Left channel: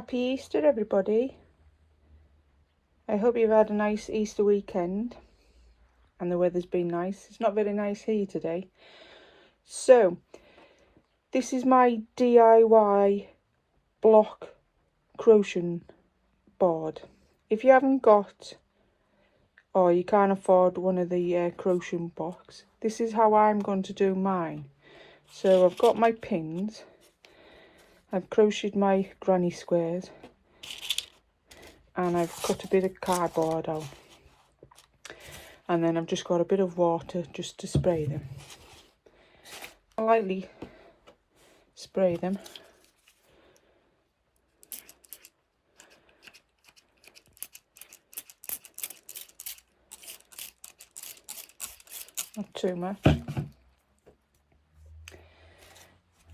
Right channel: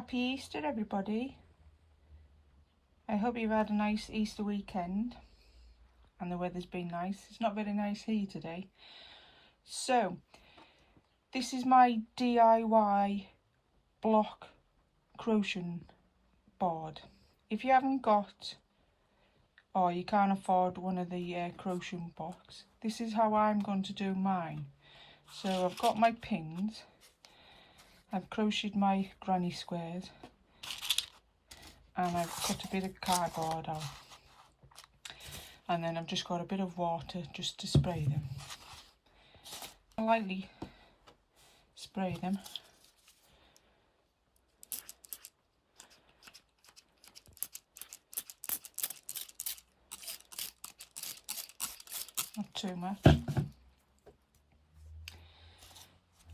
Happy Easter, everybody. I hope you've had a nice Easter weekend and the weather's been nice. It's not very nice here today. So, this is my DIY block crochet board. If you haven't got or you can't afford one of the crochet blocks, this is how I'm going to do mine. So I've got my pins, I've crocheted my granny squares, and I've cut a bit of cardboard out, and then I've just got a bit of water just to spray them. I lightly spray them. Not too much.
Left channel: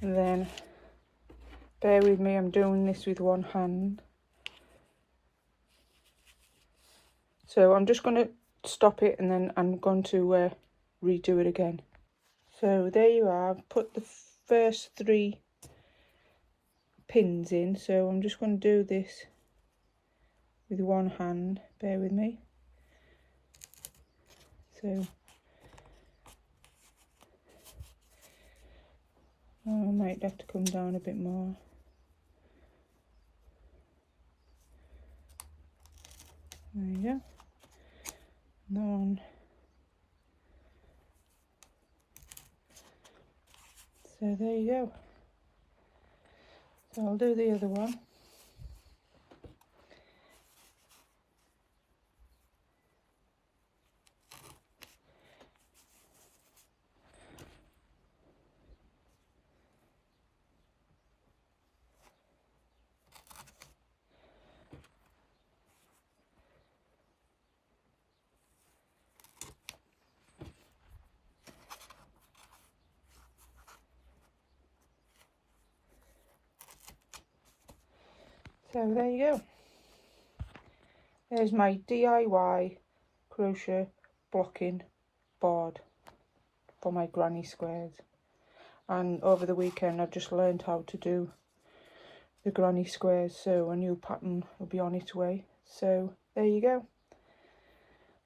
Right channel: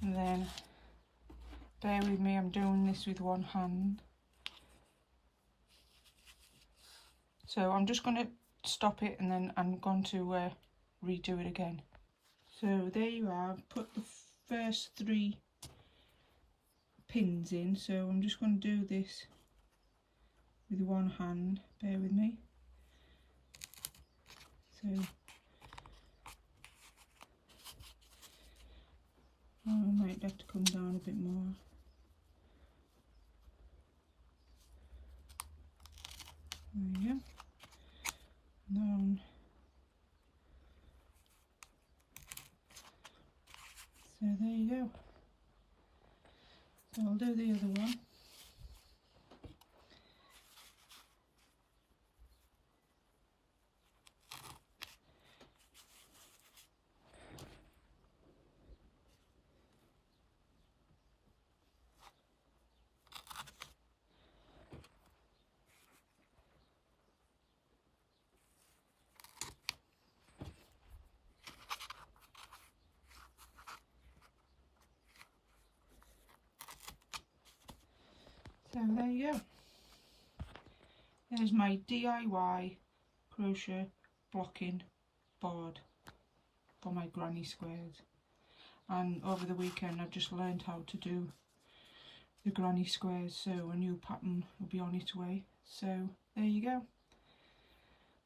And then, bear with me, I'm doing this with one hand. So I'm just going to stop it and then I'm going to redo it again. So there you are, I've put the first 3 pins in, so I'm just going to do this with one hand, bear with me. So I might have to come down a bit more. There you go. So there you go. So I'll do the other one. So there you go. There's my DIY crochet blocking board for my granny squares. And over the weekend I just learned how to do the granny squares, so a new pattern will be on its way. So there you go.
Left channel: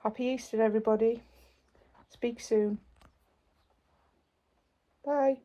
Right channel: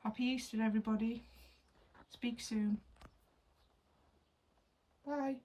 Happy Easter, everybody. Speak soon. Bye.